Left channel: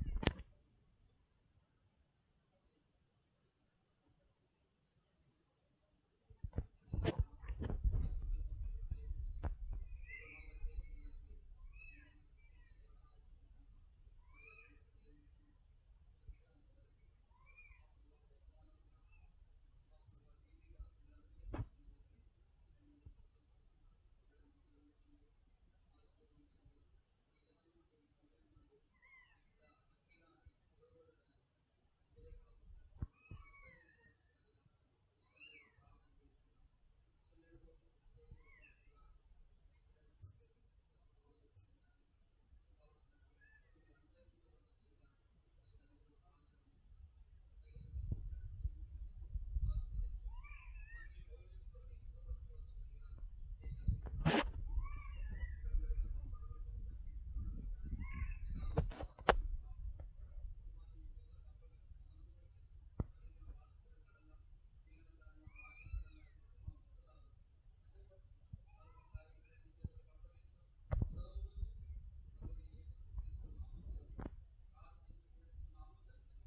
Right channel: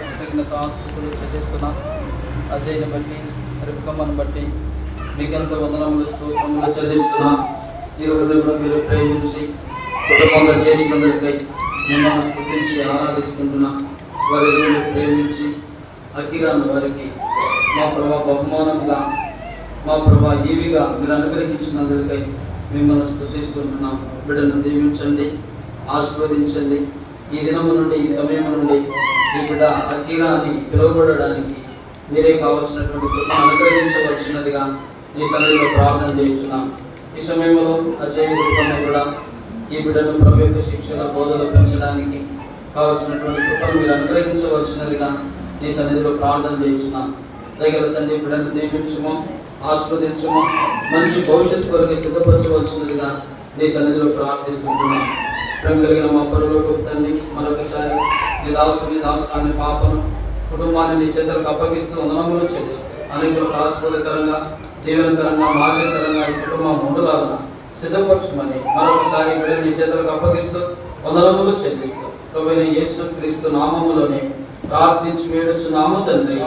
కృతజ్ఞతాస్తుతులు చెల్లిస్తున్నా. అజయ్ని బట్టి రిపకమ్మను బట్టి మీకెంతో వందనములు స్తోత్రములు చెల్లిస్తున్నా ఈ రోజు కూడా మీరు ప్రేమించి కుటుంబంగా చేసినందుకై మిమ్మల్ని స్థుతించి ఆరాధిస్తుంటున్నా వారి ఇరువురిని ప్రేమించి అకిరాను వారికి మా ప్రభా బహుమానముగా మా ప్రభా ఈవిగా మీరు అనుగ్రహించినందుకై మిమ్మల్ని స్థుతిస్తుంటున్నాం బిడ్డను దీవించండి ఆశీర్వదించండి ఈ దినము నుండి ఈ సమయం నుండి ఈ బిడ్డ అకీరా అని పిలువబడడానికి మీరే కావలసినటువంటి కృప అనుగ్రహించవలసినదిగా ఈ సమయంలో ప్రార్థన చేస్తున్నాం. ఈ సమయంలో అజయ్ రూపంలో కూడా ఈ బిడ్డను ప్రభు యొక్క శిక్షణ బోధలు పెంచడానికి కావలసినటువంటి కృపను మీరు అనుగ్రహించవలసినదిగా ఈ సన్నిధిలో ప్రార్థన చేస్తున్నాం. దగ్గర తండ్రి బిడ్డను దీవించుము ఆస్వాదించము మంచి భవిష్యత్తు కొరకు సిద్ధపరచవలసినదిగా నీ సన్నిధిలో ప్రార్థిస్తుంటున్నాం ప్రేమ కలిగిన మా పరులకు తండ్రి మరొకసారి నీ దాసు నీ దాసు పాపను కుటుంబాన్ని నీ చేతులకు అప్పగిస్తూ వందనములు చెల్లిస్తూ అనేకులకు ఆస్పదకరంగా దీవెనకరంగా మాదిరికరంగా ఈ కుటుంబం ఉండలాగా సిద్ధపరచమని మరొకసారి బిడ్డ నీ చేతులకు అప్పగిస్తూ వందనములు చెల్లిస్తూ ప్రభుని యేసు క్రీస్తు నామములోనే ప్రార్థించి వేడుచు నామ తండ్రి